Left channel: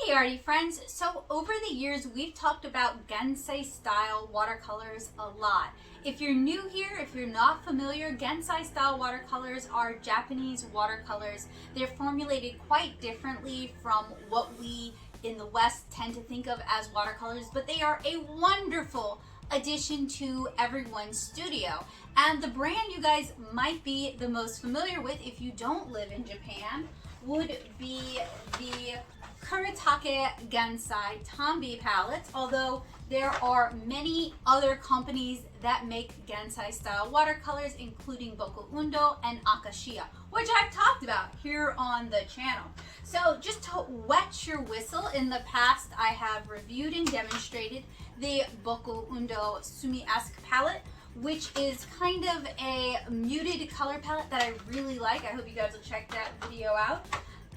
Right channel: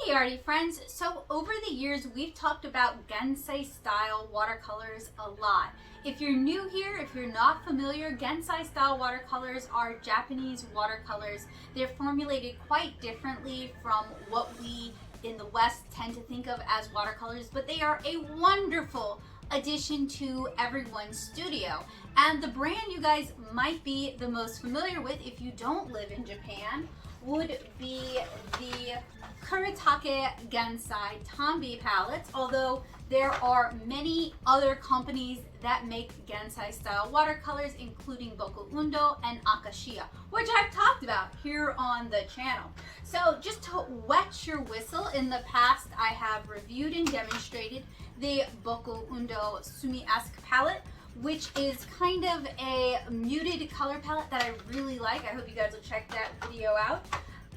Hey arty friends, so over the years we've talked about Gansai style watercolors a lot. If you're new here, if you're not familiar, Gansai style watercolors are Japanese watercolors. They're formulated quite differently from what we in the West tend to think of as watercolors, but they are a wonderful addition to everyone's studio. And the brand you guys might be the most familiar with if you don't live in Japan would be the Kuretake Gansai Tambi palettes, although there are many other companies that make Gansai style watercolors, including Boku Undo and Akashia, which I've talked about here on the channel. So just to wet your whistle, in the past I have reviewed and demonstrated the Boku Undo Sumi-esque palette, which is kind of a muted color palette that I really like. I hope you guys will check that video out.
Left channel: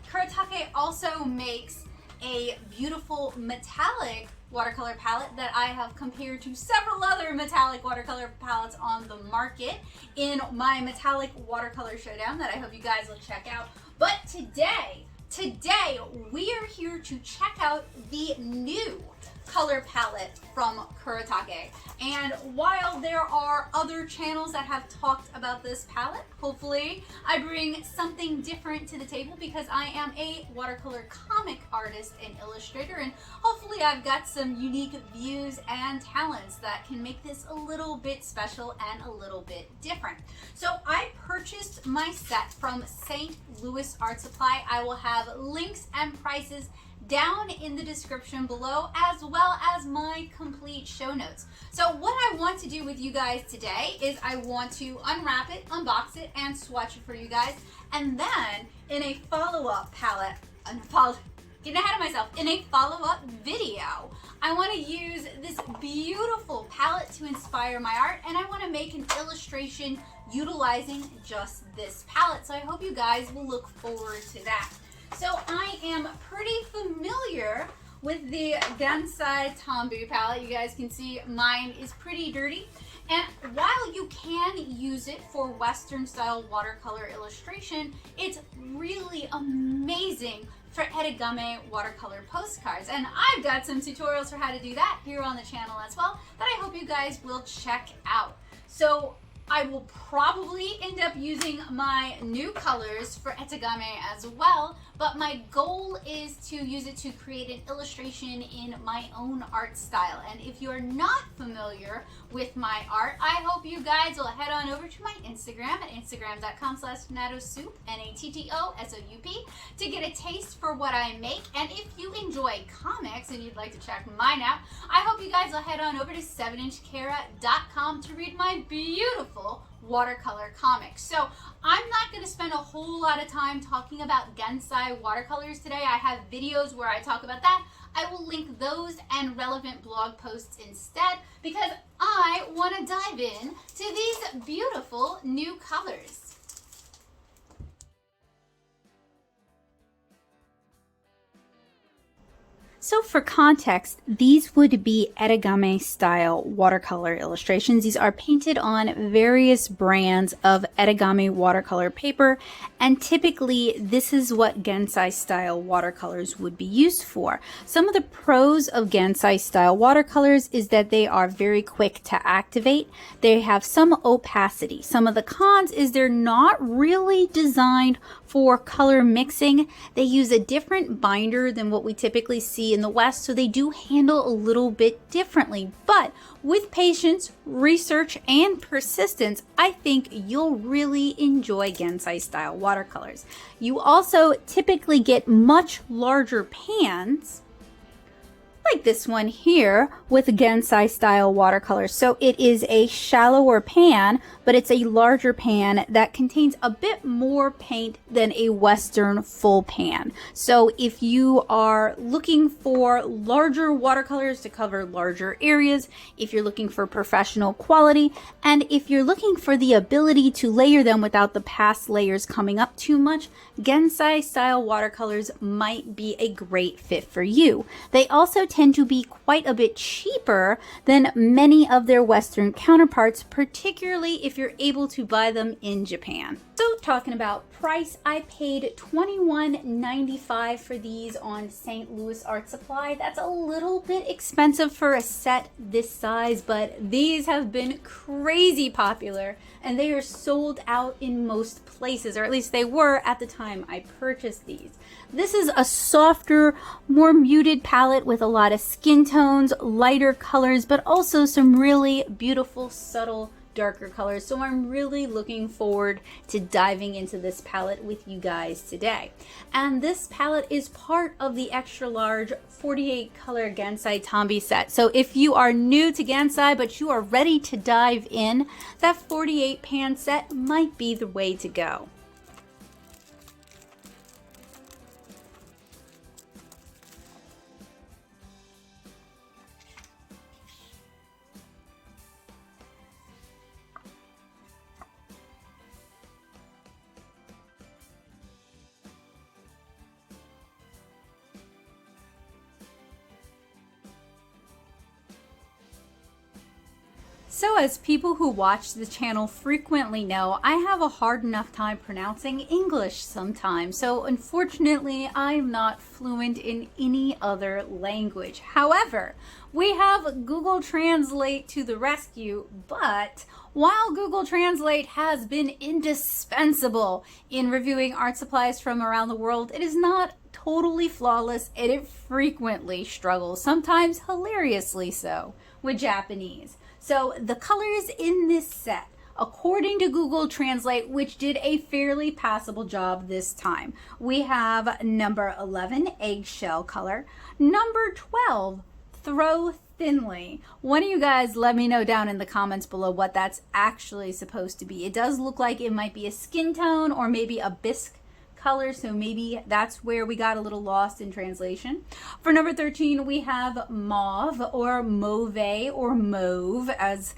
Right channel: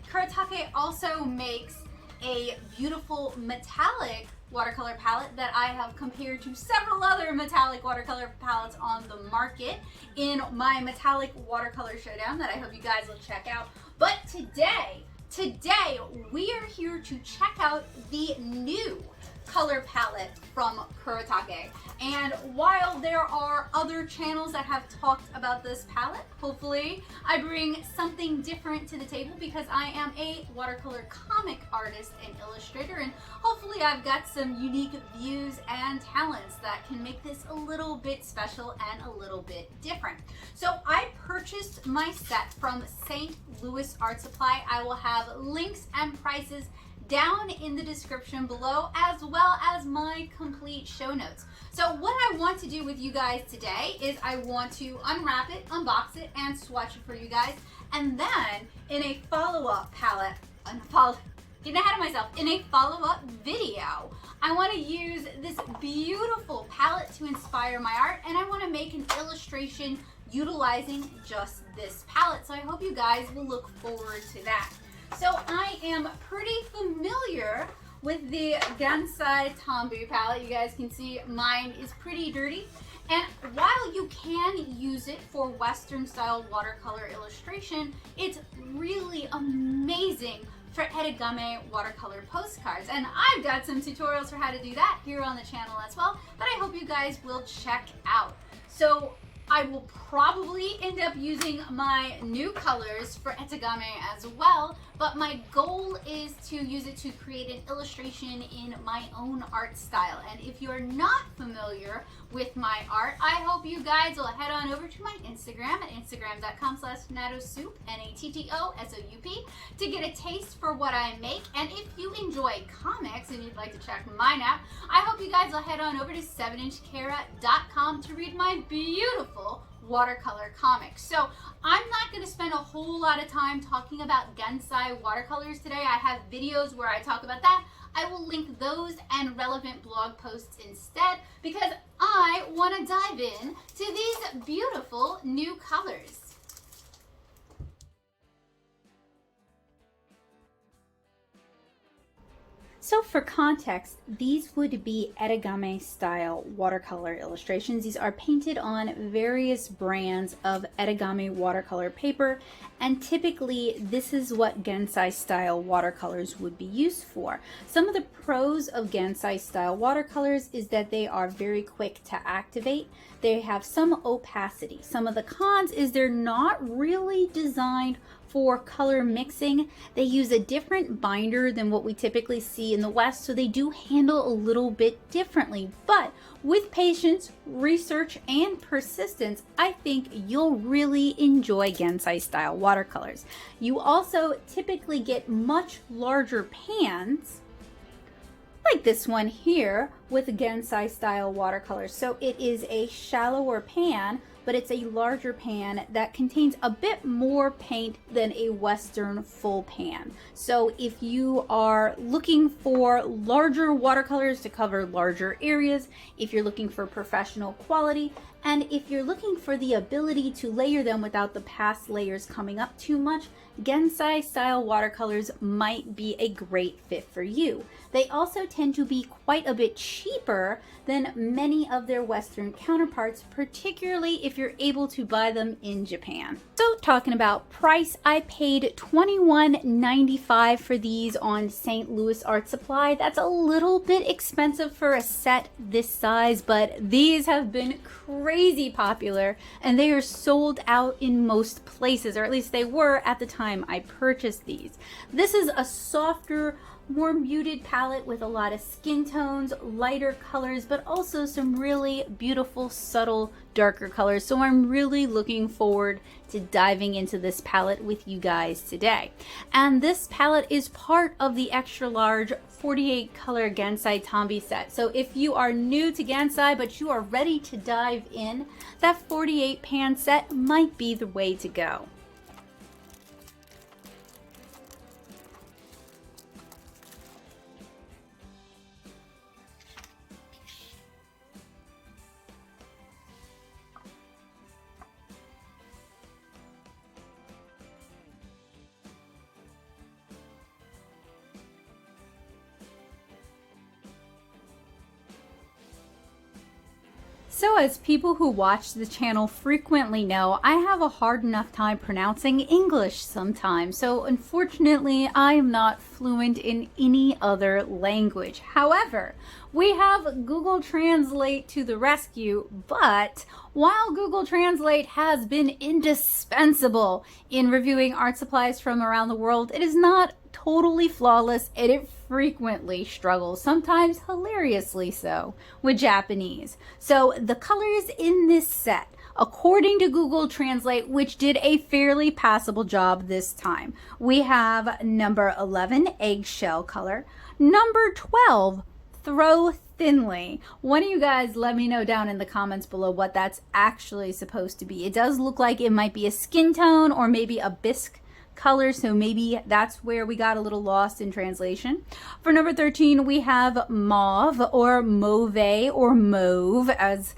Kuretake also makes a beautiful metallic watercolor palette that I have compared to several other metallic watercolor palettes on the market in my metallic watercolor showdown that I hope you guys will check out. But today we are here to check out the new color palette from Kuretake. And while there are other channels that have talked about this palette, hopefully I bring something different to the table because I am a watercolor comic artist and illustrator, and hopefully I've got some unique views and talents that can make this a little bit special and a little bit different. So I purchased my set from St. Louis Art Supply. I will have links and prices down in the description below, as well as my complete show notes. So what I want to do with you guys today is I want to unwrap it, unbox it, and swatch it for you guys. And then in a follow-up palette, getting ahead of myself, in a follow-up video, I want to use this beautiful palette to inspire my art, and I want to make an illustration utilizing just this palette. So I hope you guys will look forward to that. So I am pretty familiar with the Gansai Tambi palette. You guys can see mine is pretty dirty. And while you can use it for Western style watercolor illustration, it's really amazing for Etegami watercolor postcards. And I've got some tutorials for how to do that here on the channel as well that I hope you guys will check out. So I will probably end up using my new colors for Etegami as well, but my goal is to use it to create an illustration in my own art style. And if you're not familiar with my art, I hope you guys will head on over to my Instagram at instagram.com/nattosoup, NATTOSOUP, to get a taste for what I make. And if you enjoy comics and you'd like to check mine out, I hope you guys will head on over to 7inchkara.com to read my beautiful watercolor comics. So I'm not going to spend a whole lot of time talking about Gansai watercolors today. I have videos where I talk about that. I will link those and relevant blog posts instead because I want to dive in to these beautiful new colors. So for context, these would be Etegami style watercolor illustrations. These are painted on various brands of Etegami watercolor paper, and typically this is what Gansai style watercolors would be used for. Some of the pros of Gansai style watercolors is that they are very quick to activate. They have some opacity. Some of the cons is they're not really designed for color mixing. They use a different binder than what we typically see in the West, so they do handle a little bit differently. But with patience, research, and persistence, I think you'll really enjoy Gansai style watercolors. You also typically get much larger pans, like this one here, with Gansai style watercolors. So it is a shallower pan, but it's a larger pan that contains a bit more paint than a Western full pan. So if you are looking for larger watercolors to cover larger areas, if you're looking for professional quality, and if you're looking for the ability to layer them without the past layers coming up too much, Gansai style watercolors might be a great fit for you. They also tend to be quite a bit cheaper cheaper than many of their Western counterparts, particularly if you're able to buy them in Japan. So talking about price, I paid $21.95 for these on St. Louis Art Supply. That's a little bit expensive for a set this size, but these have been crazy popular and they are sold out in most places, or at least they were at the time I purchased these. This is a softer, more muted palette with a lot of skin tones, lighter colors, but also some really beautiful, subtle, darker colors. So I'm really looking forward to diving into this palette with you guys today. And this palette is part of the extra large 48 color Gansai Tambi set. So if you are new to Gansai but you are ready to dive in, that 48 pan set might be the way to go. So as people who watch the channel frequently know, I have a hard enough time pronouncing English sometimes. So unfortunately, I am not fluent in any other language. However, we have Google Translate to the rescue, but while Google Translate has been indispensable in reviewing art supplies from around the world, it is not totally flawless and it frequently struggles, sometimes hilariously so, with Japanese. So the colors in this set, according to Google Translate, which did a fairly passable job this time, we have number 11, Eggshell Color, number 12, Throw Thinly. One of you guys let me know down in the comments below what that's actually supposed to be. It does look like it might be a skin tone or maybe a bisque color, so maybe that's where we got a little lost in translation. For number 13, we have Mauve or Mauve or Mauve, as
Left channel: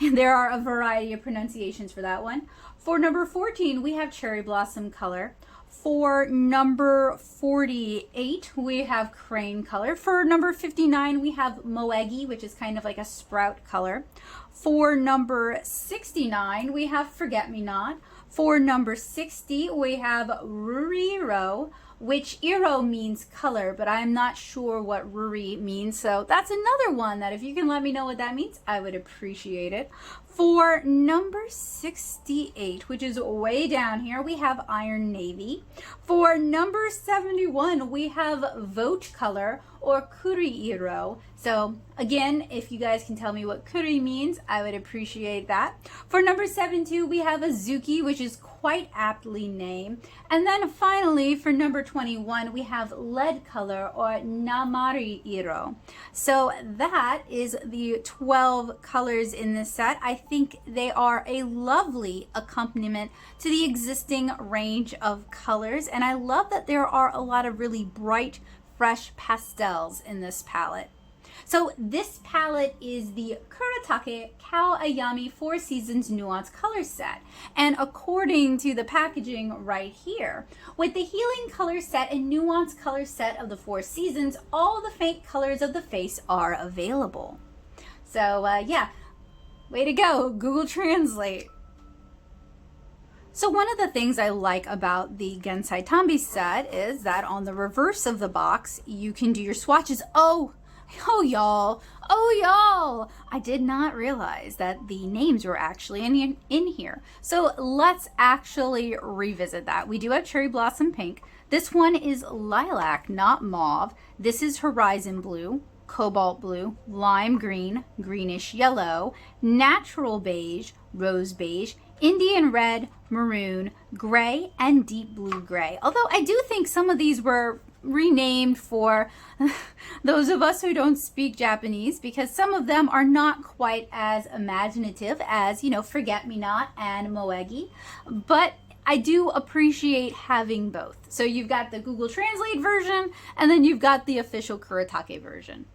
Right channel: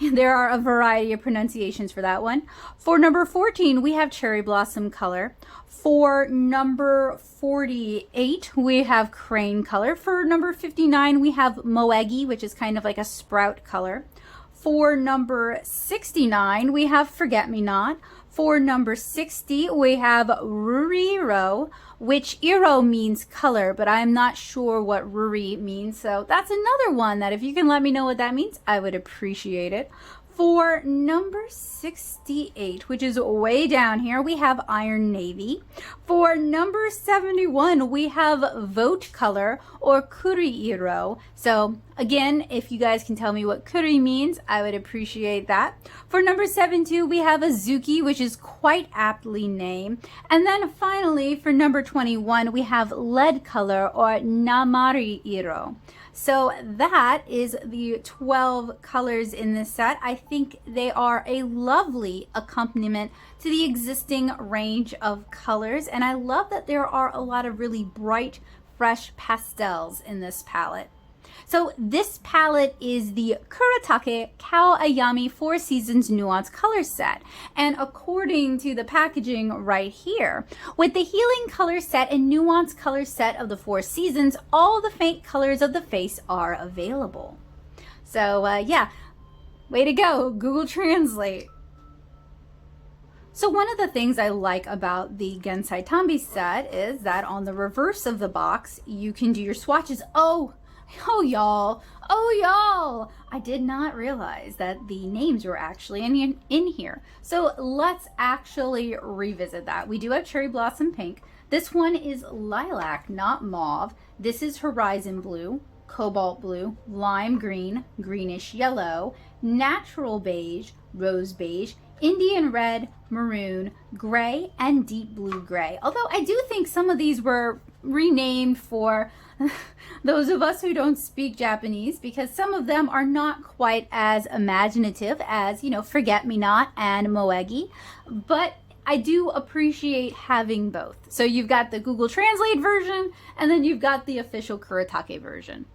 there are a variety of pronunciations for that one. For number 14, we have Cherry Blossom Color. For number 48, we have Crane Color. For number 59, we have Moegi, which is kind of like a sprout color. For number 69, we have Forget Me Not. For number 60, we have Ruriro, which Iro means color, but I'm not sure what Ruri means. So that's another one that if you can let me know what that means, I would appreciate it. For number 68, which is way down here, we have Iron Navy. For number 71, we have Vote Color or Kuriiro. So again, if you guys can tell me what Kuri means, I would appreciate that. For number 72, we have Azuki, which is quite aptly named. And then finally, for number 21, we have Lead Color or Namariiro. So that is the 12 colors in this set. I think they are a lovely accompaniment to the existing range of colors. And I love that there are a lot of really bright, fresh pastels in this palette. So this palette is the Kuretake Cow Ayami 4 Seasons Nuance Color Set. And according to the packaging right here, with the Healing Color Set and Nuance Color Set of the 4 Seasons, all the faint colors of the face are available. So yeah, way to go, Google Translate. So one of the things I like about the Gansai Tambi set is that on the reverse of the box, you can do your swatches. Oh y'all, I did not realize that the names were actually in here. So let's actually revisit that. We do have Cherry Blossom Pink. This one is Lilac, not Mauve. This is Horizon Blue, Cobalt Blue, Lime Green, Greenish Yellow, Natural Beige, Rose Beige, Indian Red, Maroon, Gray, and Deep Blue Gray. Although I do think some of these were renamed for those of us who don't speak Japanese, because some of them are not quite as imaginative as, you know, Forget Me Not and Moegi, but I do appreciate having both. So you've got the Google Translate version and then you've got the official Kuretake version.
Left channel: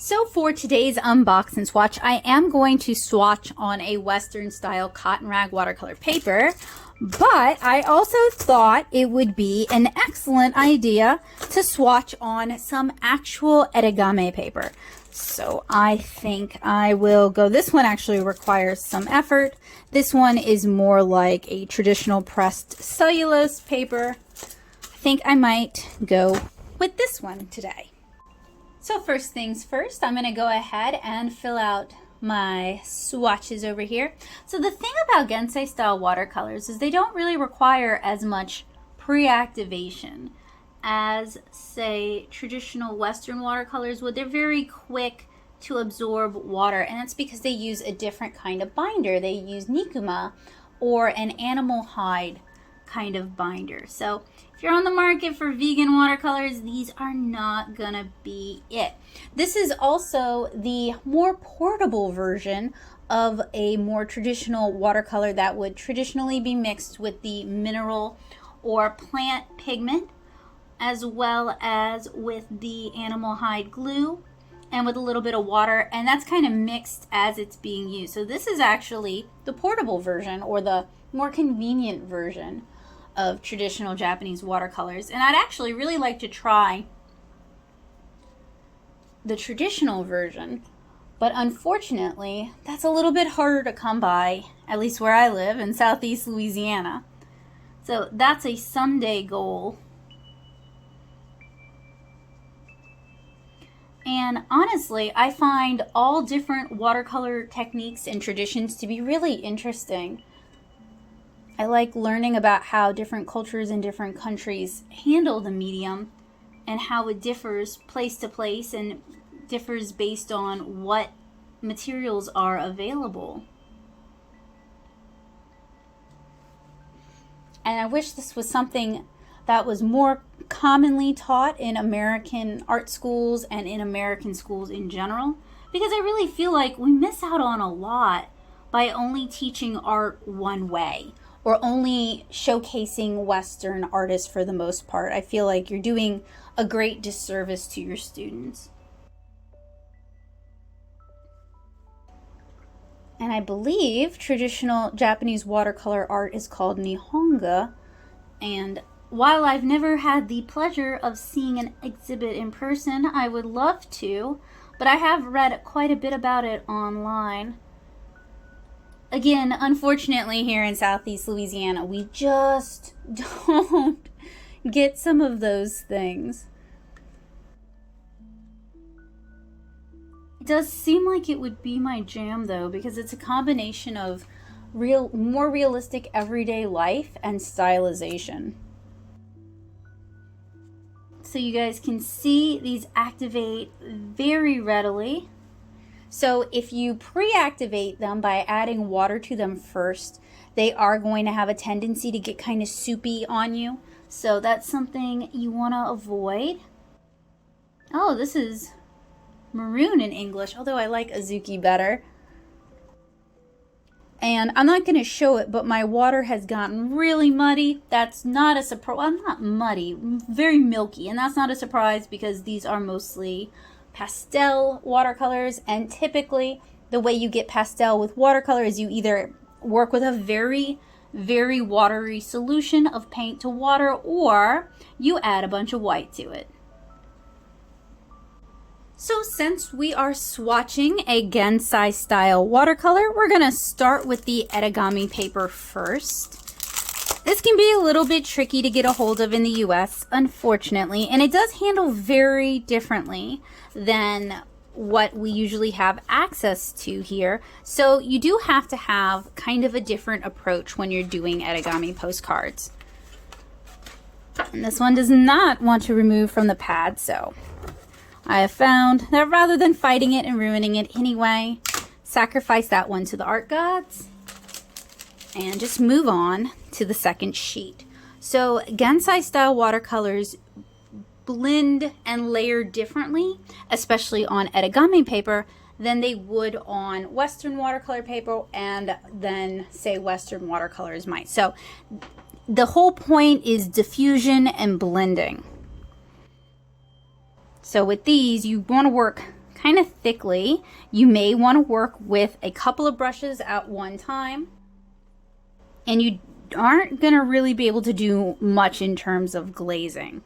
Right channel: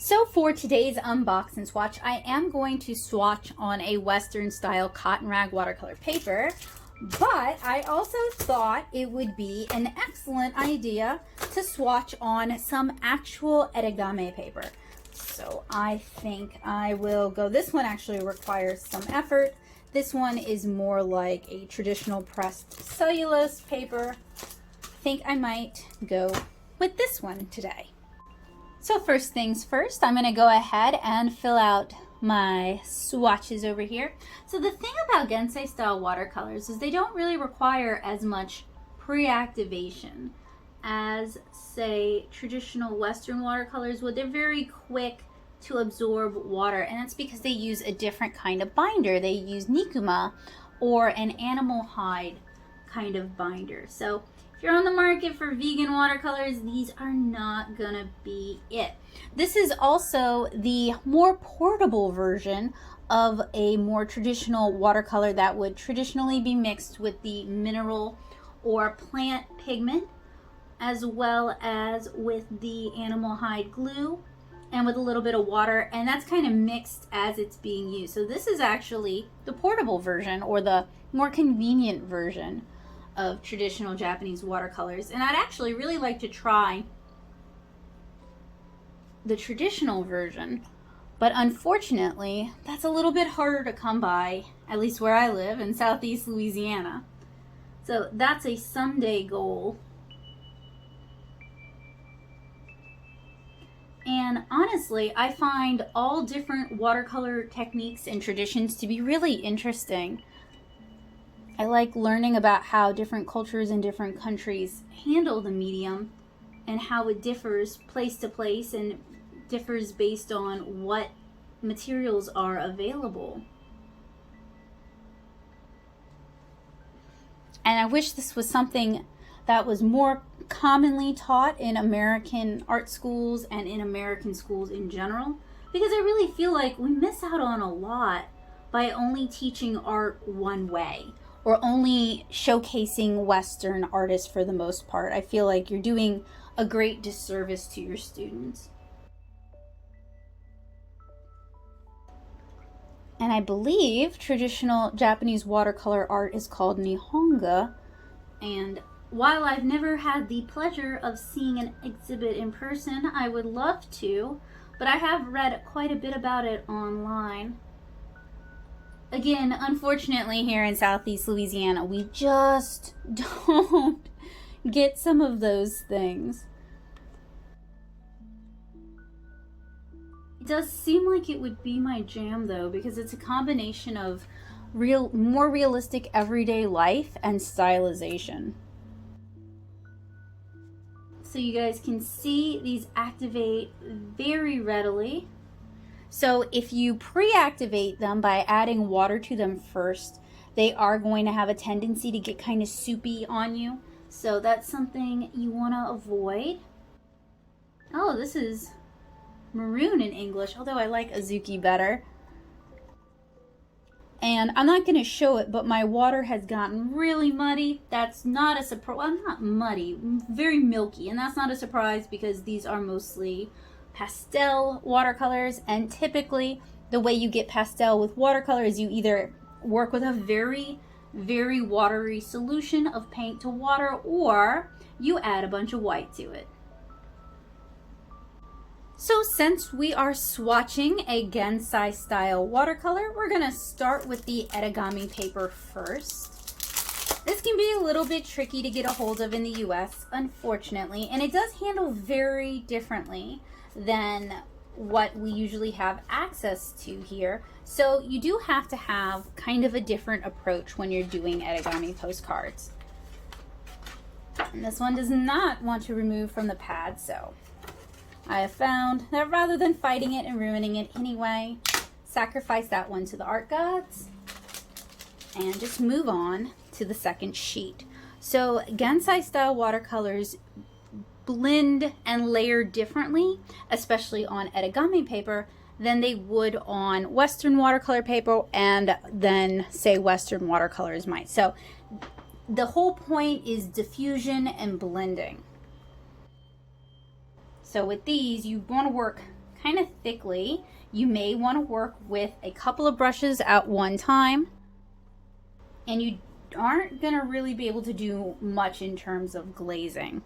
So for today's unbox and swatch, I am going to swatch on a Western style cotton rag watercolor paper, but I also thought it would be an excellent idea to swatch on some actual Etegami paper. So I think I will go, this one actually requires some effort. This one is more like a traditional pressed cellulose paper. I think I might go with this one today. So first things first, I'm gonna go ahead and fill out my swatches over here. So the thing about Gansai style watercolors is they don't really require as much pre-activation as, say, traditional Western watercolors would. They're very quick to absorb water, and that's because they use a different kind of binder. They use nikuma or an animal hide kind of binder. So if you're on the market for vegan watercolors, these are not gonna be it. This is also the more portable version of a more traditional watercolor that would traditionally be mixed with the mineral or plant pigment, as well as with the animal hide glue and with a little bit of water, and that's kind of mixed as it's being used. So this is actually the portable version, or the more convenient version of traditional Japanese watercolors. And I'd actually really like to try the traditional version, but unfortunately that's a little bit harder to come by, at least where I live in Southeast Louisiana. So that's a someday goal. And honestly, I find all different watercolor techniques and traditions to be really interesting. I like learning about how different cultures in different countries handle the medium and how it differs place to place and differs based on what materials are available. And I wish this was something that was more commonly taught in American art schools and in American schools in general, because I really feel like we miss out on a lot by only teaching art one way or only showcasing Western artists for the most part. I feel like you're doing a great disservice to your students. And I believe traditional Japanese watercolor art is called Nihonga, and while I've never had the pleasure of seeing an exhibit in person, I would love to, but I have read quite a bit about it online. Again, unfortunately here in Southeast Louisiana, we just don't get some of those things. It does seem like it would be my jam though, because it's a combination of more realistic everyday life and stylization. So you guys can see these activate very readily. So if you pre-activate them by adding water to them first, they are going to have a tendency to get kind of soupy on you. So that's something you want to avoid. Oh, this is maroon in English, although I like Azuki better. And I'm not going to show it, but my water has gotten really muddy. That's not a surprise. Well, not muddy, very milky. And that's not a surprise because these are mostly pastel watercolors. And typically the way you get pastel with watercolor is you either work with a very, very watery solution of paint to water, or you add a bunch of white to it. So since we are swatching a Gansai style watercolor, we're gonna start with the Etegami paper first. This can be a little bit tricky to get a hold of in the US, unfortunately, and it does handle very differently than what we usually have access to here. So you do have to have kind of a different approach when you're doing Etegami postcards. And this one does not want to remove from the pad, so I have found that rather than fighting it and ruining it anyway, sacrifice that one to the art gods and just move on to the second sheet. So Gansai style watercolors blend and layer differently, especially on Etegami paper, than they would on Western watercolor paper, and then say Western watercolors might. So the whole point is diffusion and blending. So with these, you want to work kind of thickly. You may want to work with a couple of brushes at one time, and you aren't going to really be able to do much in terms of glazing.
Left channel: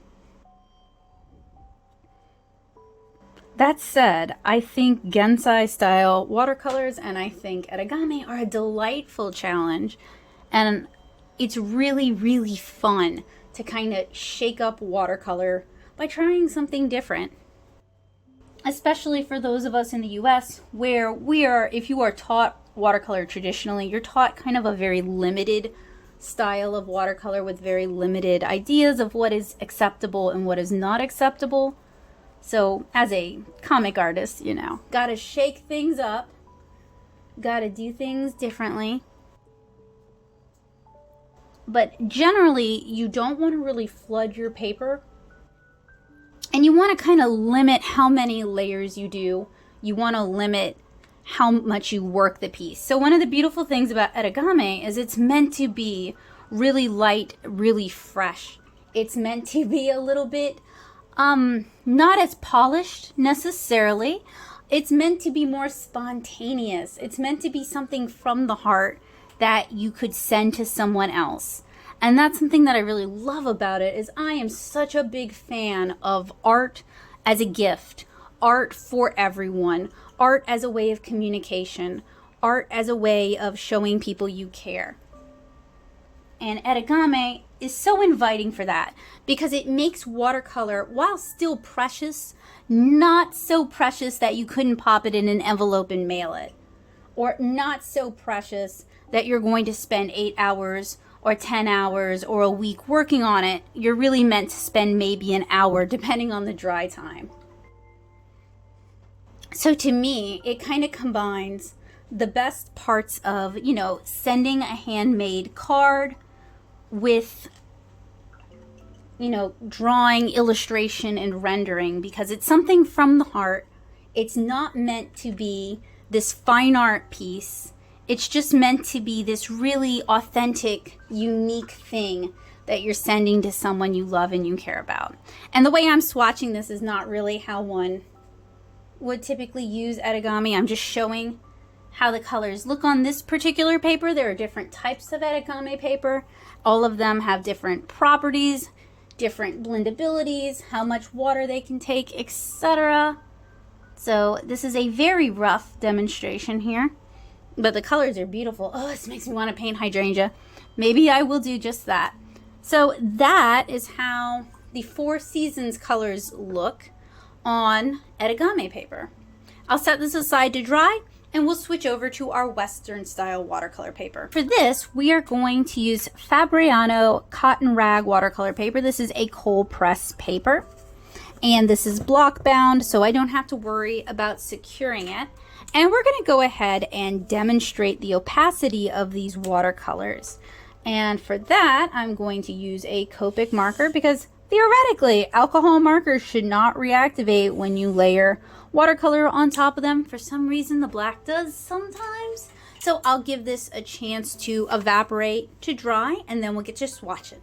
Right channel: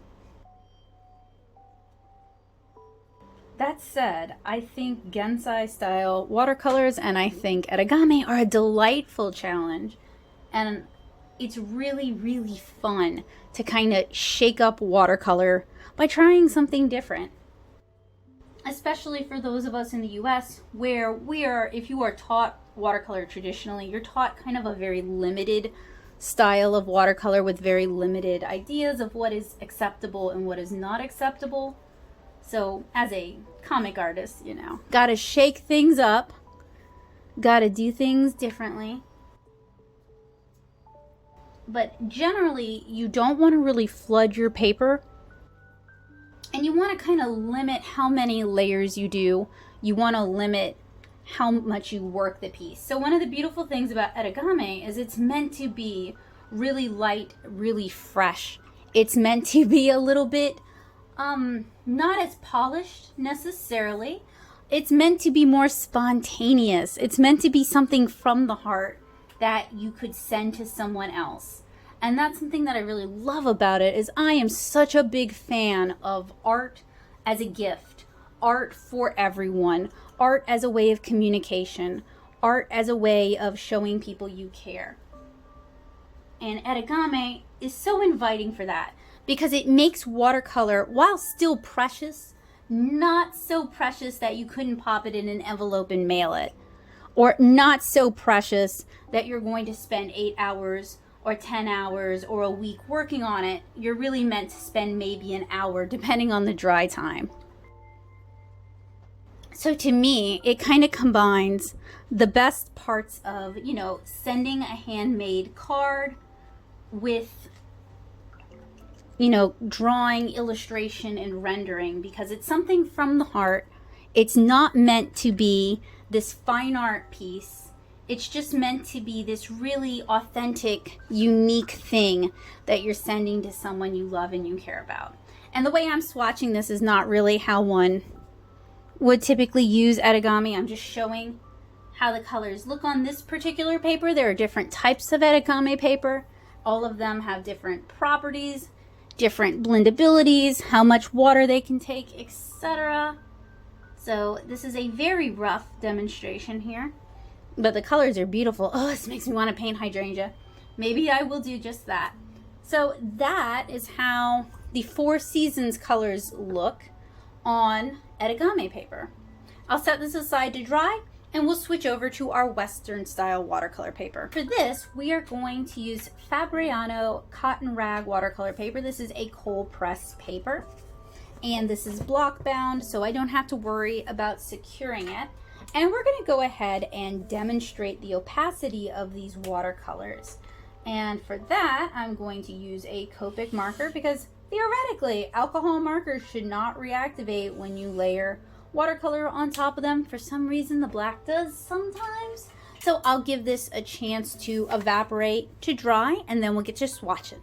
That said, I think Gansai style watercolors and I think Etegami are a delightful challenge, and it's really, really fun to kind of shake up watercolor by trying something different. Especially for those of us in the US where if you are taught watercolor traditionally, you're taught kind of a very limited style of watercolor with very limited ideas of what is acceptable and what is not acceptable. So as a comic artist, you know, gotta shake things up, gotta do things differently. But generally, you don't want to really flood your paper, and you want to kind of limit how many layers you do. You want to limit how much you work the piece. So one of the beautiful things about Etegami is it's meant to be really light, really fresh. It's meant to be a little bit not as polished necessarily. It's meant to be more spontaneous. It's meant to be something from the heart that you could send to someone else. And that's something that I really love about it, is I am such a big fan of art as a gift, art for everyone, art as a way of communication, art as a way of showing people you care. And Etegami is so inviting for that, because it makes watercolor, while still precious, not so precious that you couldn't pop it in an envelope and mail it, or not so precious that you're going to spend 8 hours or 10 hours or a week working on it. You're really meant to spend maybe an hour, depending on the dry time. So to me, it kind of combines the best parts of, you know, sending a handmade card with, you know, drawing, illustration, and rendering, because it's something from the heart. It's not meant to be this fine art piece. It's just meant to be this really authentic, unique thing that you're sending to someone you love and you care about. And the way I'm swatching this is not really how one would typically use Etegami. I'm just showing how the colors look on this particular paper. There are different types of Etegami paper. All of them have different properties, different blendabilities, how much water they can take, etc. So this is a very rough demonstration here, but the colors are beautiful. Oh, this makes me want to paint hydrangea. Maybe I will do just that. So that is how the Four Seasons colors look on Etegami paper. I'll set this aside to dry, and we'll switch over to our Western style watercolor paper. For this, we are going to use Fabriano cotton rag watercolor paper. This is a cold press paper, and this is block bound, so I don't have to worry about securing it. And we're gonna go ahead and demonstrate the opacity of these watercolors. And for that, I'm going to use a Copic marker, because theoretically, alcohol markers should not reactivate when you layer watercolor on top of them. For some reason, the black does sometimes. So I'll give this a chance to evaporate, to dry, and then we'll get to swatching.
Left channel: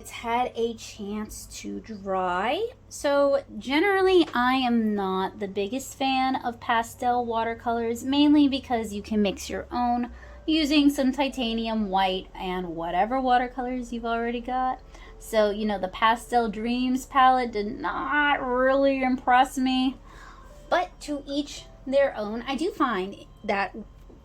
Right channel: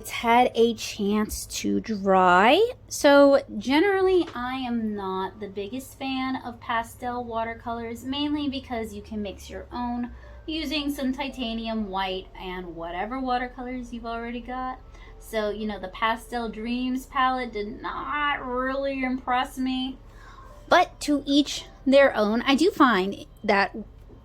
It's had a chance to dry. So generally, I am not the biggest fan of pastel watercolors, mainly because you can mix your own using some titanium white and whatever watercolors you've already got. So, you know, the Pastel Dreams palette did not really impress me. But to each their own. I do find that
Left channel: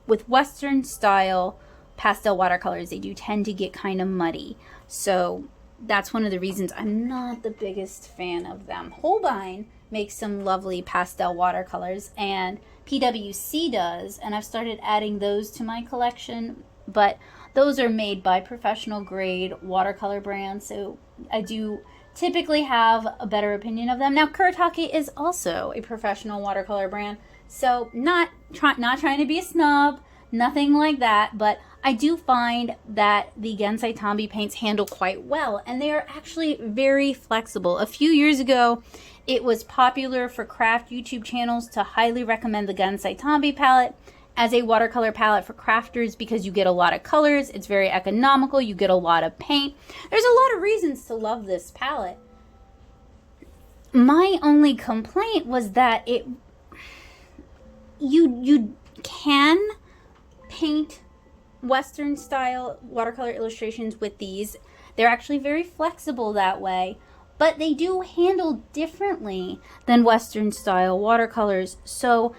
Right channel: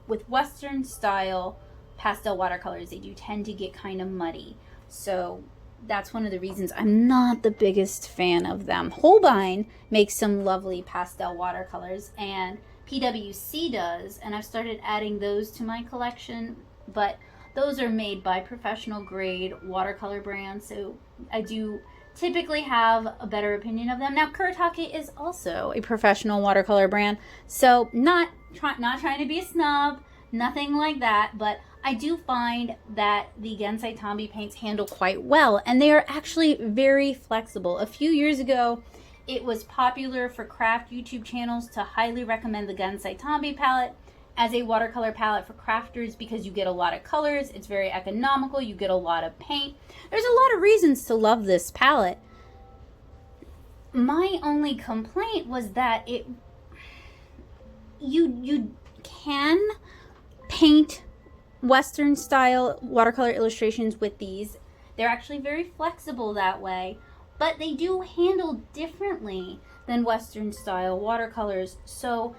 with Western style pastel watercolors, they do tend to get kind of muddy. So that's one of the reasons I'm not the biggest fan of them. Holbein makes some lovely pastel watercolors, and PwC does, and I've started adding those to my collection, but those are made by professional grade watercolor brands, so I do typically have a better opinion of them. Now, Kuretake is also a professional watercolor brand, so not trying to be a snob, nothing like that, but I do find that the Gansai Tambi paints handle quite well, and they are actually very flexible. A few years ago, it was popular for craft YouTube channels to highly recommend the Gansai Tambi palette as a watercolor palette for crafters, because you get a lot of colors, it's very economical, you get a lot of paint. There's a lot of reasons to love this palette. My only complaint was that you can paint Western style watercolor illustrations with these. They're actually very flexible that way. but they do handle differently than Western style watercolors. So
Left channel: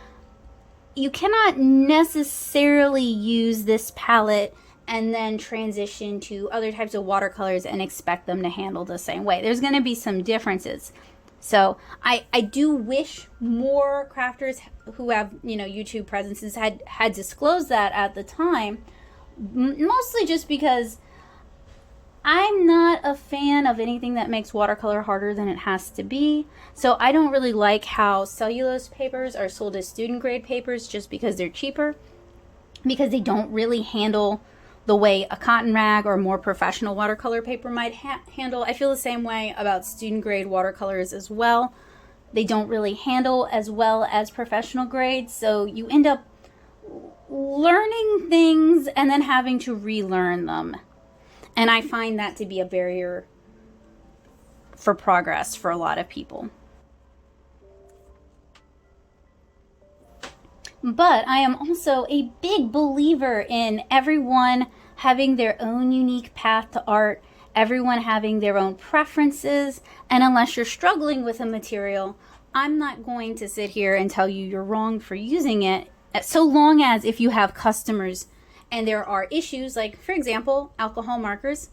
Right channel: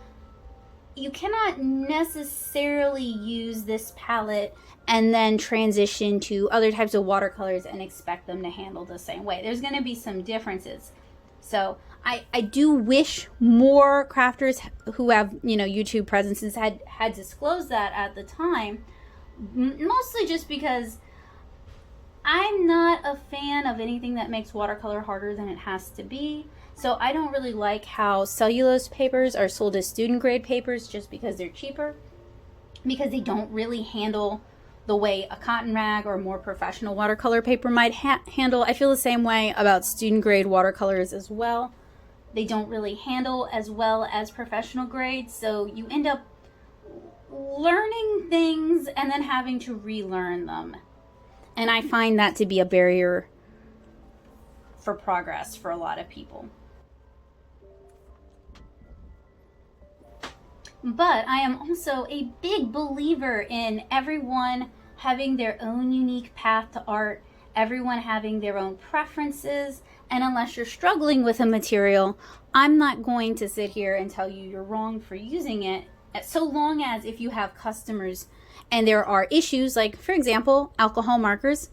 you cannot necessarily use this palette and then transition to other types of watercolors and expect them to handle the same way. There's going to be some differences. So I do wish more crafters who have, you know, YouTube presences had disclosed that at the time, mostly just because I'm not a fan of anything that makes watercolor harder than it has to be. So I don't really like how cellulose papers are sold as student grade papers just because they're cheaper, because they don't really handle the way a cotton rag or more professional watercolor paper might handle. I feel the same way about student grade watercolors as well. They don't really handle as well as professional grades, so you end up learning things and then having to relearn them. And I find that to be a barrier for progress for a lot of people. But I am also a big believer in everyone having their own unique path to art, everyone having their own preferences, and unless you're struggling with a material, I'm not going to sit here and tell you you're wrong for using it, so long as if you have customers and there are issues, like for example, alcohol markers,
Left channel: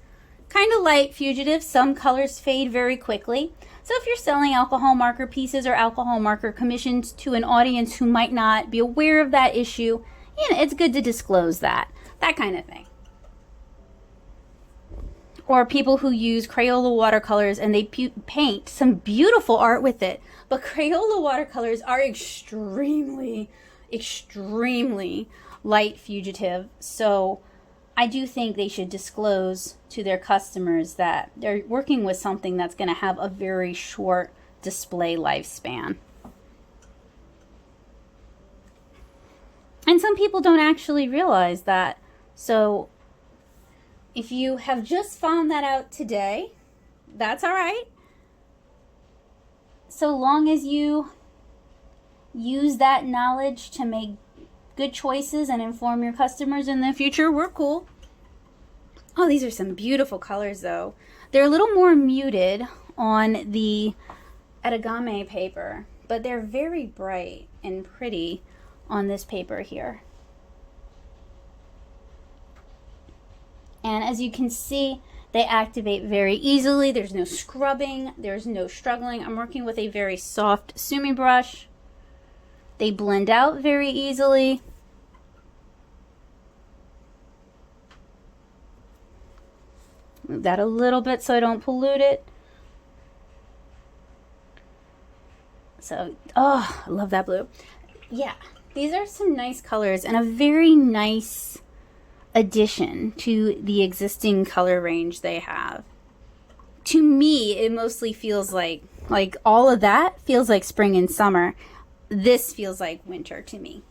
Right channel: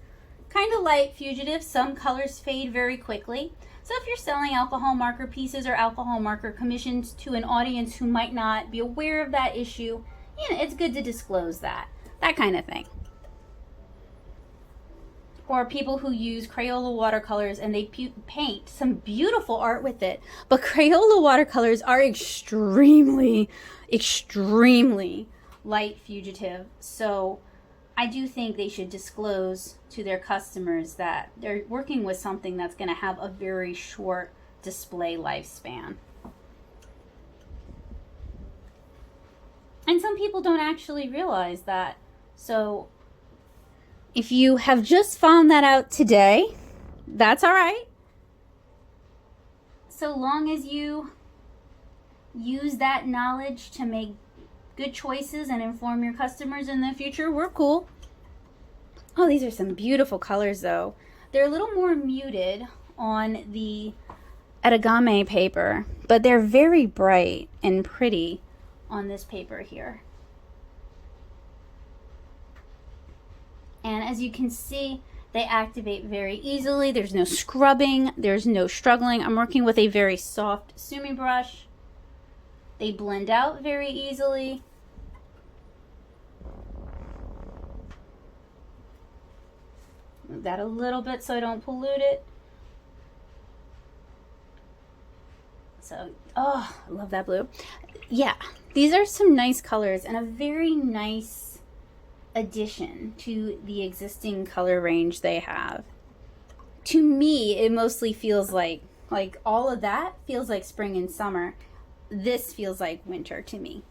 kind of light, fugitive, some colors fade very quickly. So if you're selling alcohol marker pieces or alcohol marker commissions to an audience who might not be aware of that issue, you know, it's good to disclose that kind of thing. Or people who use Crayola watercolors and they paint some beautiful art with it. But Crayola watercolors are extremely, extremely light fugitive. So I do think they should disclose to their customers that they're working with something that's going to have a very short display lifespan. And some people don't actually realize that. So if you have just found that out today, that's all right. So long as you use that knowledge to make good choices and inform your customers in the future, we're cool. Oh, these are some beautiful colors though. They're a little more muted on the Etegami paper, but they're very bright and pretty on this paper here. And as you can see, they activate very easily. There's no scrubbing, there's no struggling. I'm working with a very soft sumi brush. They blend out very easily. Move that a little bit so I don't pollute it. So, oh, I love that blue. Yeah, these are some nice colors and a very nice addition to the existing color range they have. To me, it mostly feels like all of that feels like spring and summer. This feels like winter to me.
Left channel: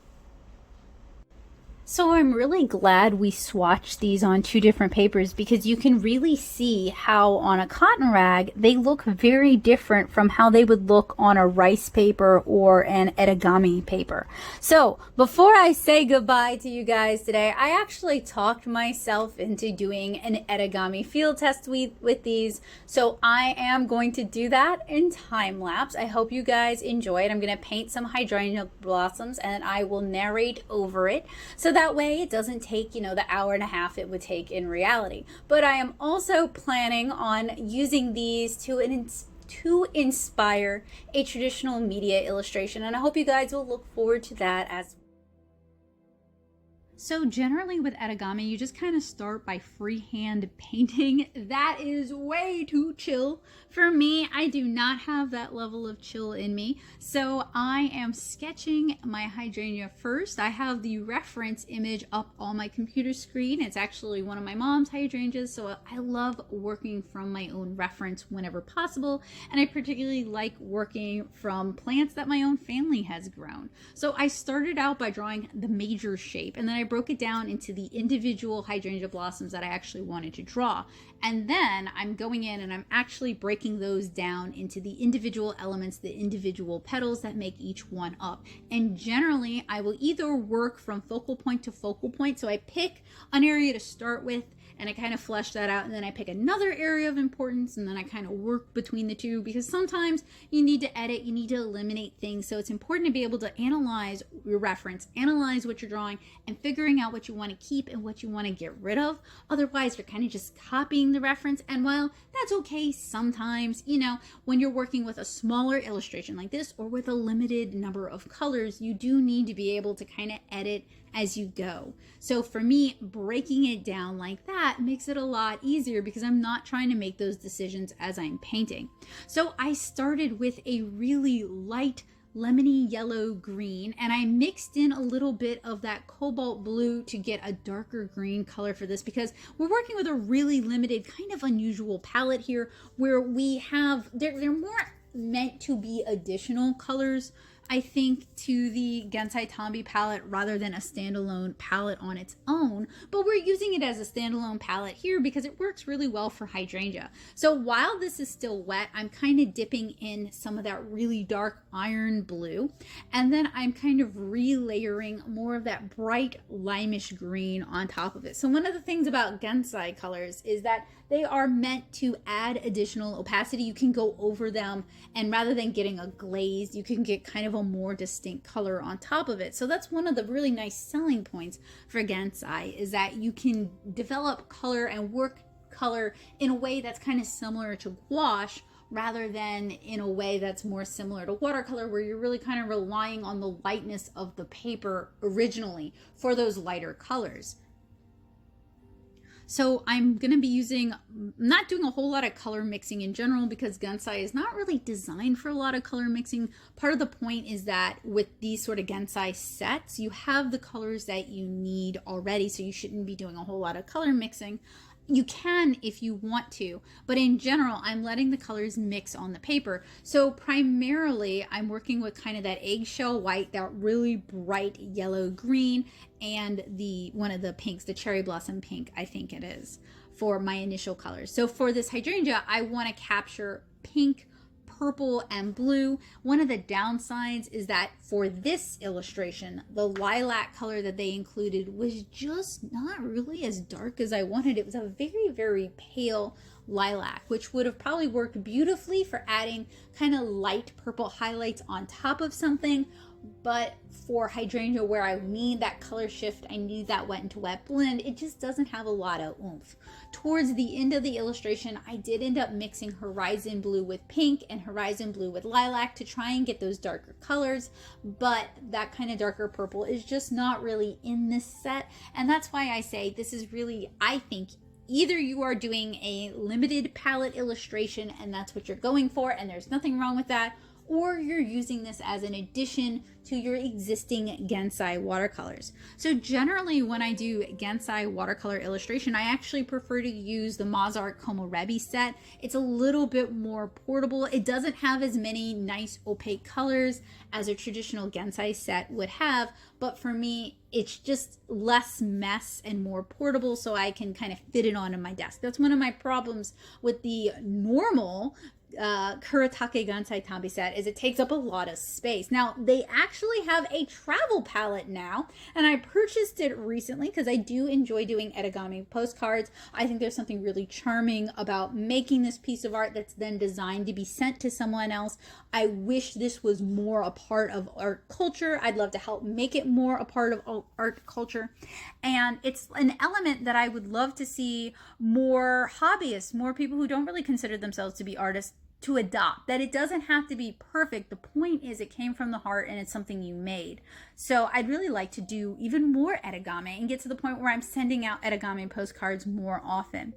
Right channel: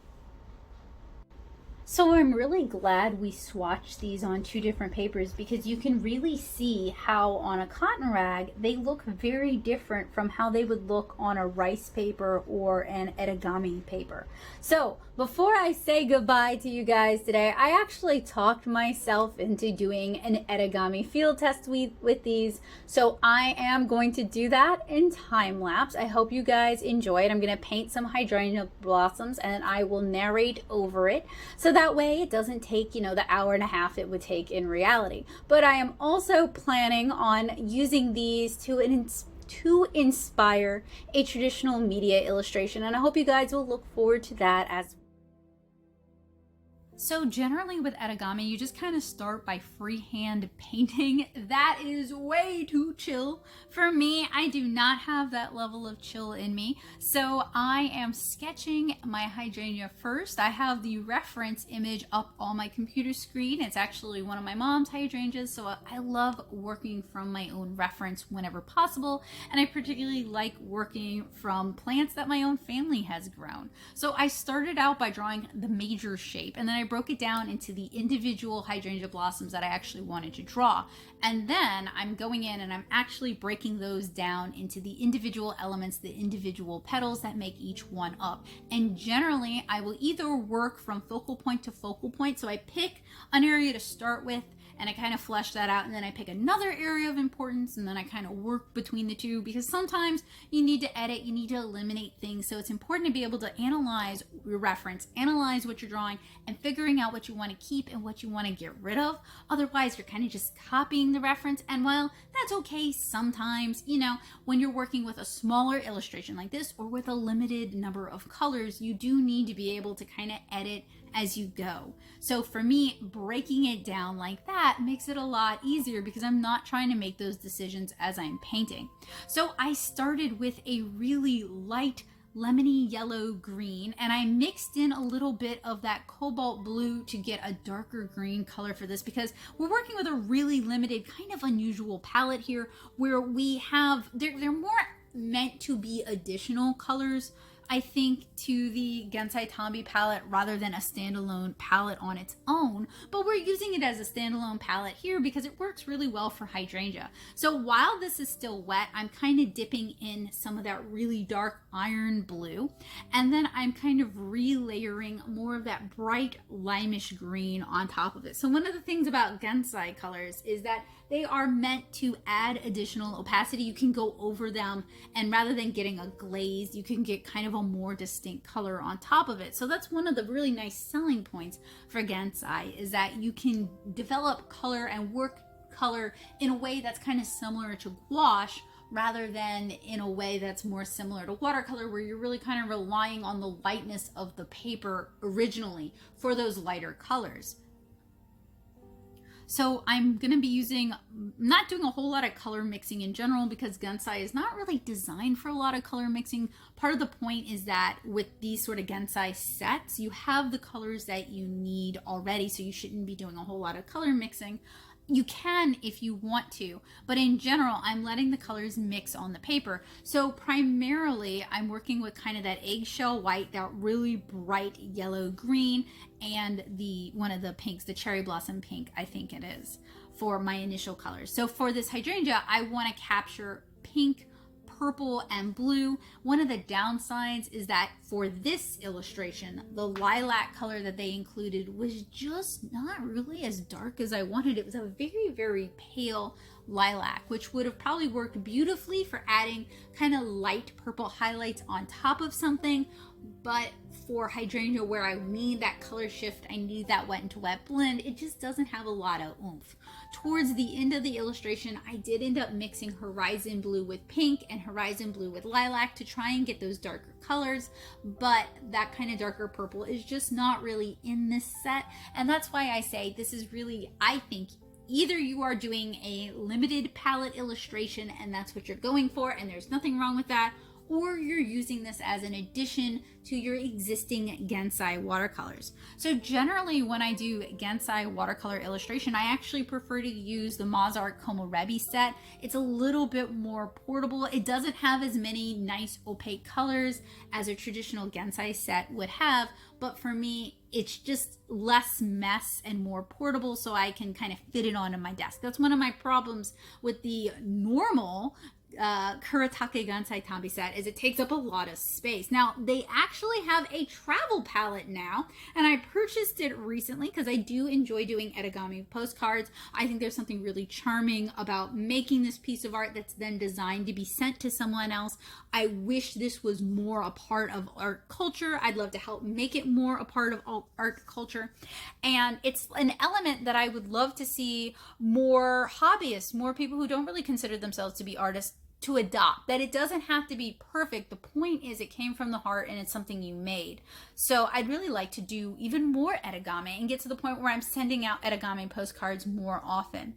So I'm really glad we swatched these on two different papers because you can really see how on a cotton rag they look very different from how they would look on a rice paper or an Etegami paper. So before I say goodbye to you guys today, I actually talked myself into doing an Etegami field test with these. So I am going to do that in time lapse. I hope you guys enjoy it. I'm going to paint some hydrangea blossoms and I will narrate over it. So that way it doesn't take, you know, the hour and a half it would take in reality. But I am also planning on using these to inspire a traditional media illustration, and I hope you guys will look forward to that as well. So generally with Etegami, you just kind of start by freehand painting. That is way too chill for me. I do not have that level of chill in me. So I am sketching my hydrangea first. I have the reference image up on my computer screen. It's actually one of my mom's hydrangeas, so I love working from my own reference whenever possible. And I particularly like working from plants that my own family has grown. So I started out by drawing the major shape, and then I broke it down into the individual hydrangea blossoms that I actually wanted to draw. And then I'm going in and I'm actually breaking those down into the individual elements, the individual petals that make each one up. And generally I will either work from focal point to focal point. So I pick an area to start with and I kind of flesh that out, and then I pick another area of importance, and then I kind of work between the two, because sometimes you need to edit, you need to eliminate things. So it's important to be able to analyze your reference, analyze what you're drawing, and figuring out what you want to keep and what you want to get rid of. Otherwise, you're kind of just copying the reference, and well, that's okay sometimes. You know, when you're working with a smaller illustration like this, or with a limited number of colors, you do need to be able to kind of edit as you go. So for me, breaking it down like that makes it a lot easier, because I'm not trying to make those decisions as I'm painting. So I started with a really light lemony yellow green, and I mixed in a little bit of that cobalt blue to get a darker green color for this, because we're working with a really limited, kind of unusual palette here, where we have, they're more meant to be additional colors, I think, to the Gansai Tambi palette rather than a standalone palette on its own. But we're using it as a standalone palette here because it works really well for hydrangea. So while this is still wet, I'm kind of dipping in some of that really dark iron blue, and then I'm kind of relayering more of that bright limeish green on top of it. So one of the things about Gansai colors is that they are meant to add additional opacity. You can go over them, and rather than getting a glaze, you can get kind of a more distinct color on top of it. So that's one of the really nice selling points for Gansai, is that you can develop color and work color in a way that's kind of similar to gouache, rather than in a way that's more similar to watercolor, where you're really kind of relying on the lightness of the paper originally for those lighter colors. So I'm going to be not doing a whole lot of color mixing in general, because Gansai is not really designed for a lot of color mixing. Part of the point is that with these sort of Gansai sets, you have the colors that you need already, so you shouldn't be doing a whole lot of color mixing. You can if you want to, but in general, I'm letting the colors mix on the paper. So primarily, I'm working with kind of that eggshell white, that really bright yellow green, and one of the pinks, the cherry blossom pink, I think it is, for my initial colors. So for this hydrangea, I want to capture pink, purple, and blue. One of the downsides is that for this illustration, the lilac color that they included was just not really as dark as I wanted. It was a very, very pale lilac, which would have probably worked beautifully for adding kind of light purple highlights on top of something. But for hydrangea, where I need that color shift, I need that wet into wet blend, it just doesn't have a lot of oomph. Towards the end of the illustration, I did end up mixing horizon blue with pink and horizon blue with lilac to try and get those darker colors, but that kind of darker purple is just not really in this set. And that's why I say this is really, I think, either you are doing a limited palette illustration and that's what you're going for, and there's nothing wrong with that, or you're using this as an addition to your existing Gansai watercolors. So generally, when I do Gansai watercolor illustration, I actually prefer to use the MozArt Komorebi set. It's a little bit more portable. It doesn't have as many nice opaque colors as a traditional Gansai set would have, but for me, it's just less mess and more portable, so I can kind of fit it onto my desk. That's one of my problems with the normal Kuretake Gansai Tambi set, is it takes up a lot of space. Now, they actually have a travel palette now, and I purchased it recently because I do enjoy doing Etegami postcards. I think there's something really charming about making this piece of art that's then designed to be sent to someone else. I wish this was more a part of art culture. I'd love to help make it more a part of art culture. And it's an element that I would love to see more hobbyists, more people who don't really consider themselves to be artists, to adopt. That it doesn't have to be perfect. The point is it came from the heart and it's something you made. So I'd really like to do even more Etegami and get to the point where I'm sending out Etegami postcards more often.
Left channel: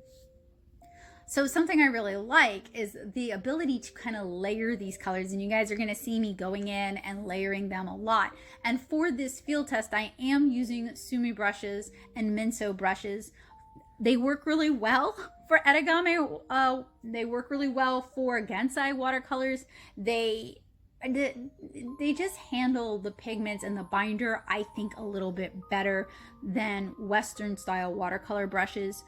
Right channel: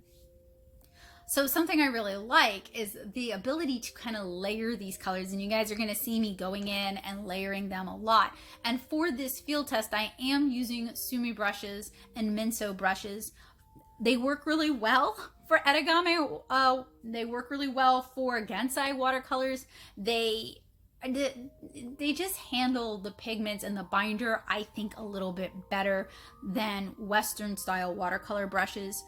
So something I really like is the ability to kind of layer these colors, and you guys are going to see me going in and layering them a lot. And for this field test, I am using Sumi brushes and Minso brushes. They work really well for Etegami. They work really well for Gansai watercolors. They just handle the pigments and the binder, I think, a little bit better than Western style watercolor brushes.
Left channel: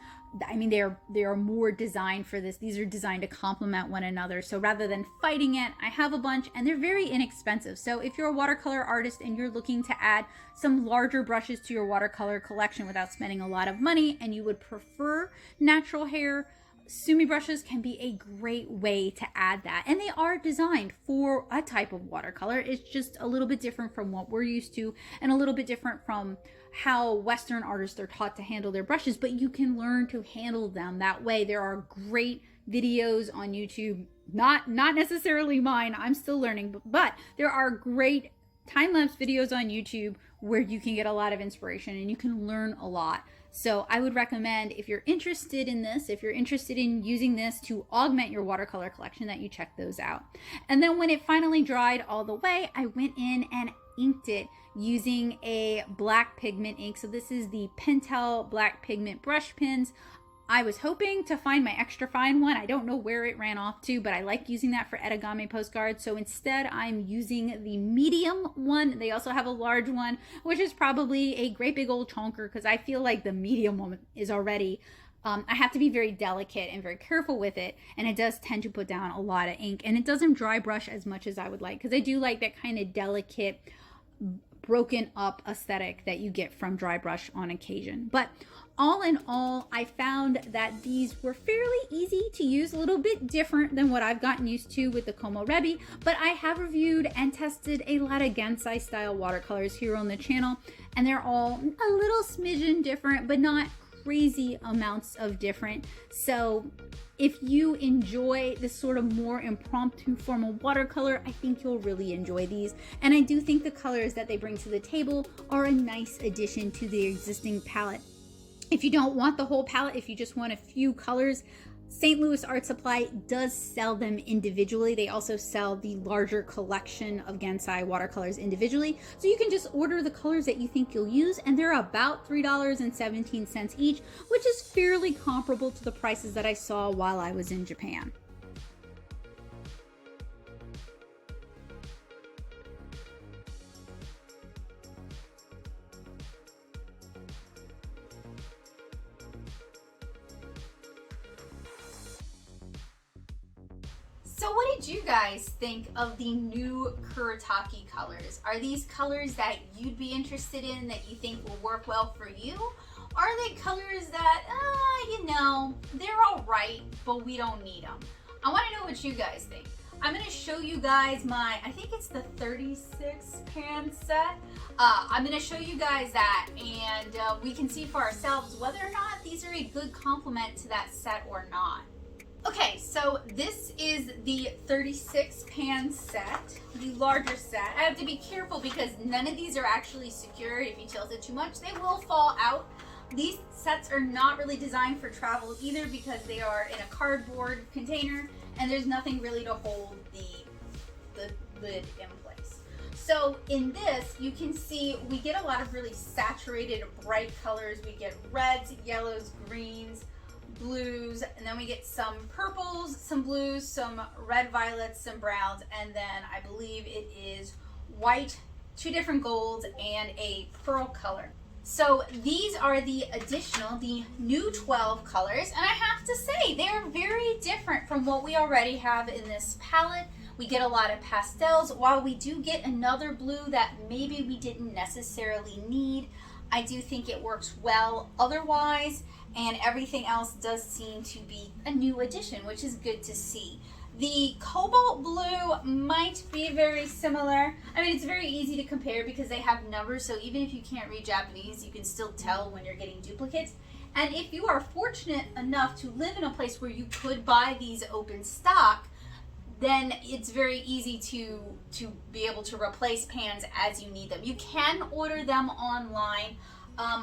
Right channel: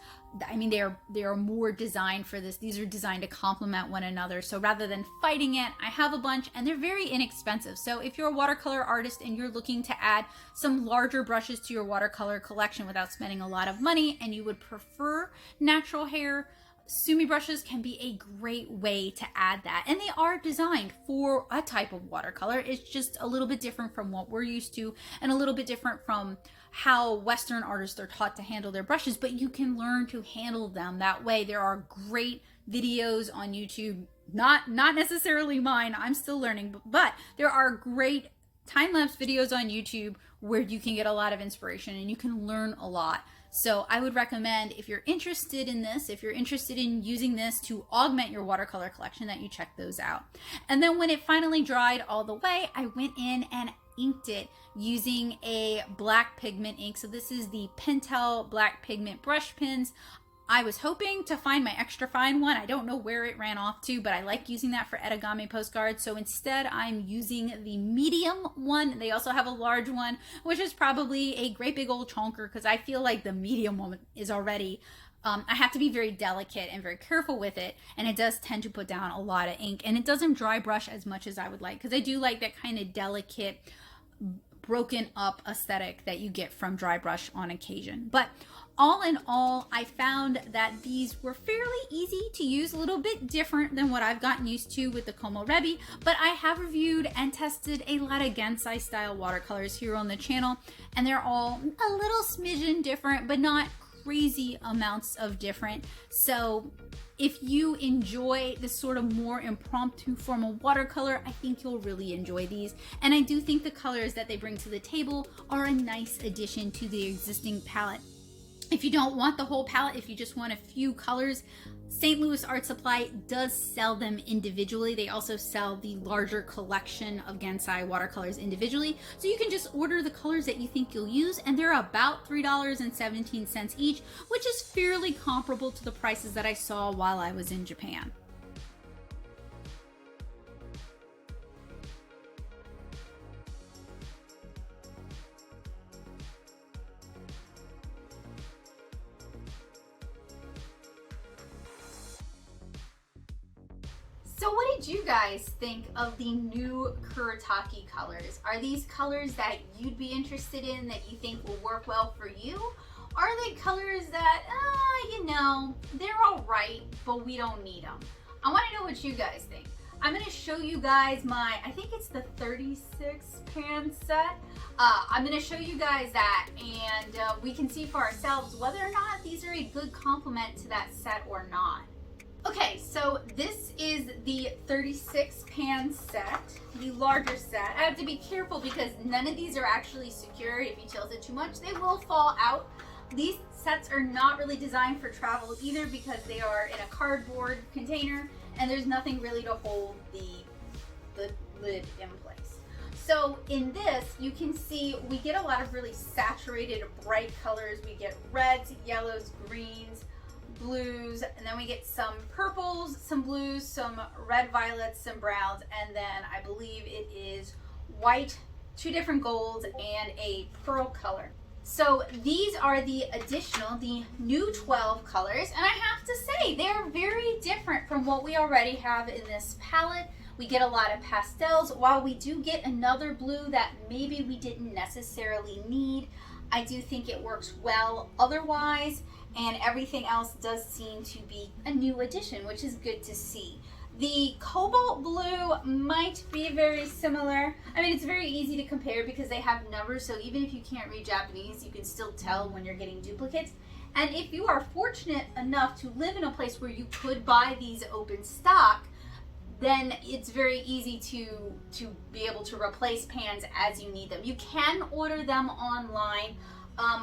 I mean, they are more designed for this. These are designed to complement one another. So rather than fighting it, I have a bunch, and they're very inexpensive. So if you're a watercolor artist and you're looking to add some larger brushes to your watercolor collection without spending a lot of money, and you would prefer natural hair, Sumi brushes can be a great way to add that. And they are designed for a type of watercolor. It's just a little bit different from what we're used to, and a little bit different from how Western artists are taught to handle their brushes, but you can learn to handle them that way. There are great videos on YouTube, not necessarily mine, I'm still learning, but there are great time-lapse videos on YouTube where you can get a lot of inspiration and you can learn a lot. So I would recommend, if you're interested in this, if you're interested in using this to augment your watercolor collection, that you check those out. And then when it finally dried all the way, I went in and inked it using a black pigment ink. So this is the Pentel black pigment brush pens. I was hoping to find my extra fine one. I don't know where it ran off to, but I like using that for Etegami postcards. So instead, I'm using the medium one. They also have a large one, which is probably a great big old chonker, because I feel like the medium one is already, I have to be very delicate and very careful with it. And it does tend to put down a lot of ink, and it doesn't dry brush as much as I would like, because I do like that kind of delicate, broken up aesthetic that you get from dry brush on occasion. But all in all, I found that these were fairly easy to use, a little bit different than what I've gotten used to with the Komorebi, but I have reviewed and tested a lot of Gansai style watercolors here on the channel, and they're all a little smidgen different, but not crazy amounts of different. So if you enjoy this sort of more impromptu formal watercolor, I think you'll really enjoy these. And I do think the colors that they bring to the table are a nice addition to the existing palette. If you don't want the whole palette, if you just want a few colors, St. Louis Art Supply does sell them individually. They also sell the larger collection of Gansai watercolors individually. So you can just order the colors that you think you'll use, and they're about $3.17 each, which is fairly comparable to the prices that I saw while I was in Japan. So what did you guys think of the new Kuretake colors? Are these colors that you'd be interested in, that you think will work well for you? Are they colors that, you know, they're all right, but we don't need them? I want to know what you guys think. I'm going to show you guys my, I think it's the 36 pan set. I'm going to show you guys that, and we can see for ourselves whether or not these are a good complement to that set or not. Okay, so this is the 36 pan set, the larger set. I have to be careful because none of these are actually secure. If you tilt it too much, they will fall out. These sets are not really designed for travel either, because they are in a cardboard container and there's nothing really to hold the lid in place. So in this, you can see we get a lot of really saturated, bright colors. We get reds, yellows, greens, blues, and then we get some purples, some blues, some red violets, some browns, and then I believe it is white, two different golds, and a pearl color. So these are the new 12 colors, and I have to say they're very different from what we already have in this palette. We get a lot of pastels. While we do get another blue that maybe we didn't necessarily need, I do think it works well otherwise, and everything else does seem to be a new addition, which is good to see. The cobalt blue might be very similar. I mean, it's very easy to compare because they have numbers, so even if you can't read Japanese, you can still tell when you're getting duplicates. And if you are fortunate enough to live in a place where you could buy these open stock, then it's very easy to be able to replace pans as you need them. You can order them online.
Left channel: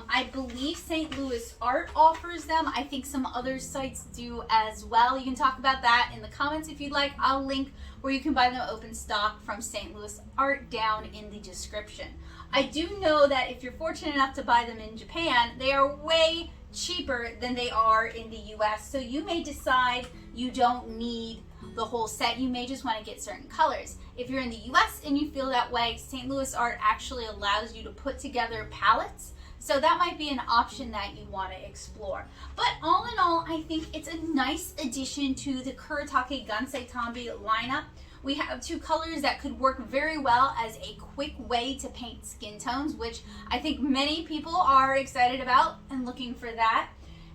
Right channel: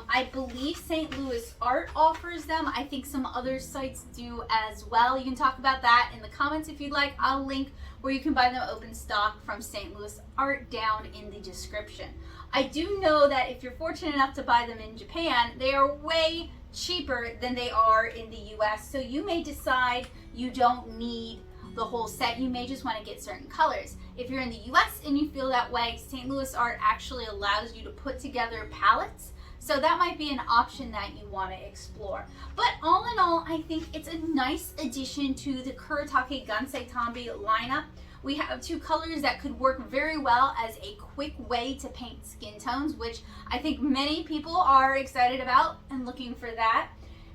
I believe St. Louis Art offers them. I think some other sites do as well. You can talk about that in the comments if you'd like. I'll link where you can buy them open stock from St. Louis Art down in the description. I do know that if you're fortunate enough to buy them in Japan, they are way cheaper than they are in the US. So you may decide you don't need the whole set. You may just want to get certain colors. If you're in the US and you feel that way, St. Louis Art actually allows you to put together palettes. So that might be an option that you want to explore. But all in all, I think it's a nice addition to the Kuretake Gansai Tambi lineup. We have two colors that could work very well as a quick way to paint skin tones, which I think many people are excited about and looking for that.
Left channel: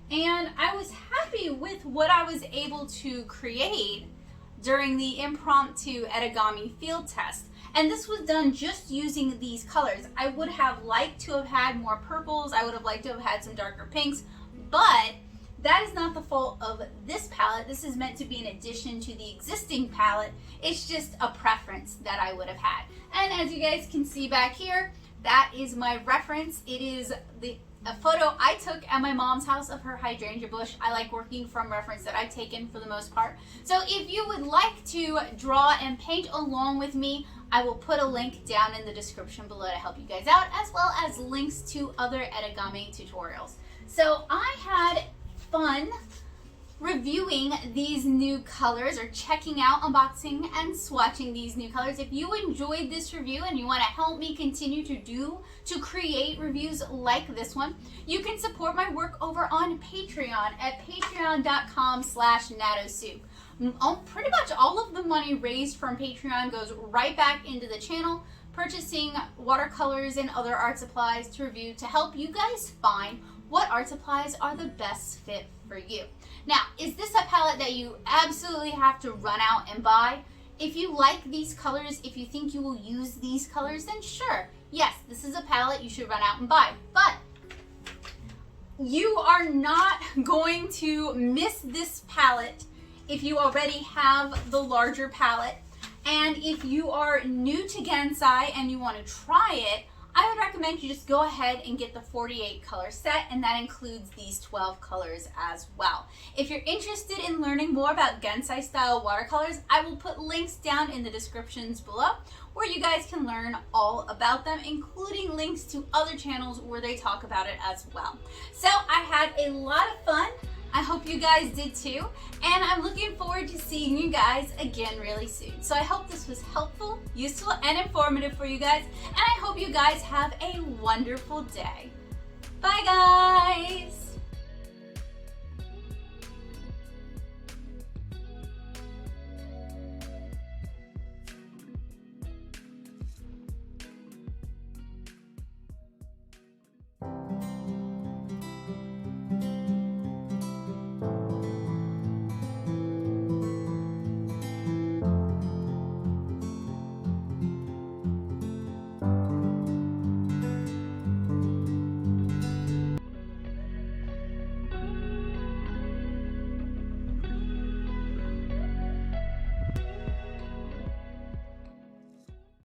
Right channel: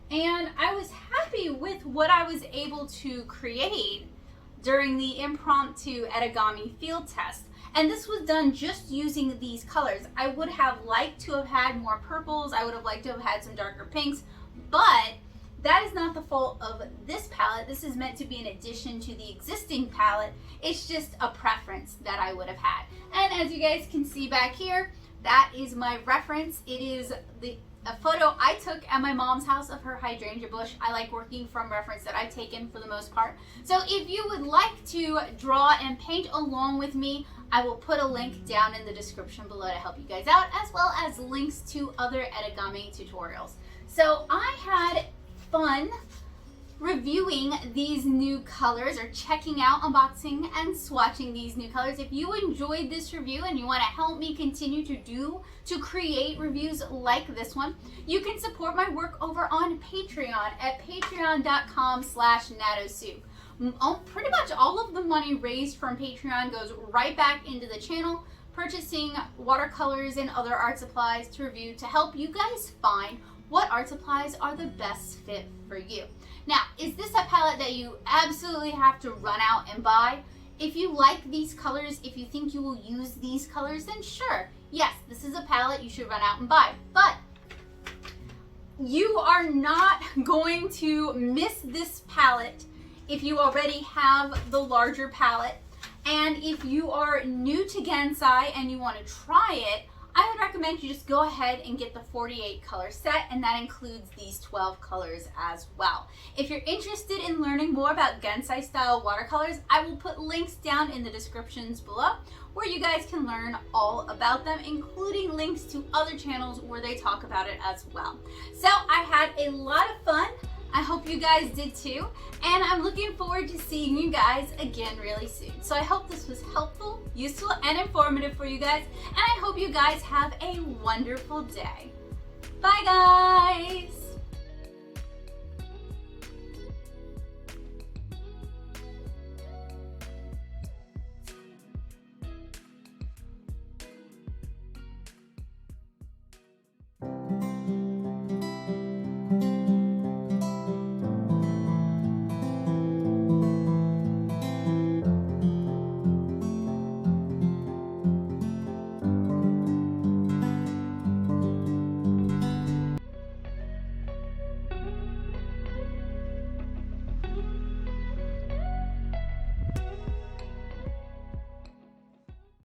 And I was happy with what I was able to create during the impromptu Etegami field test. And this was done just using these colors. I would have liked to have had more purples. I would have liked to have had some darker pinks, but that is not the fault of this palette. This is meant to be an addition to the existing palette. It's just a preference that I would have had. And as you guys can see back here, that is my reference. It is a photo I took at my mom's house of her hydrangea bush. I like working from reference that I've taken for the most part. So if you would like to draw and paint along with me, I will put a link down in the description below to help you guys out, as well as links to other Etegami tutorials. So I had fun reviewing these new colors, or checking out, unboxing, and swatching these new colors. If you enjoyed this review and you want to help me continue to create reviews like this one, you can support my work over on Patreon at patreon.com/natosoup. Pretty much all of the money raised from Patreon goes right back into the channel, purchasing watercolors and other art supplies to review to help you guys find what art supplies are the best fit for you. Now, is this a palette that you absolutely have to run out and buy? If you like these colors, if you think you will use these colors, then sure, yes, this is a palette you should run out and buy. But you are not going to miss this palette if you already have the larger palette. And if you are new to Gansai and you want to try it, I would recommend you just go ahead and get the 48 color set, and that includes these 12 colors as well. If you're interested in learning more about Gansai style watercolors, I will put links down in the descriptions below where you guys can learn all about them, including links to other channels where they talk about it as well. So I had a lot of fun. I hope you guys did too, and I'm looking forward to seeing you guys again really soon. So I hope this was helpful, useful, and informative for you guys, and I hope you guys have a wonderful day. Bye guys!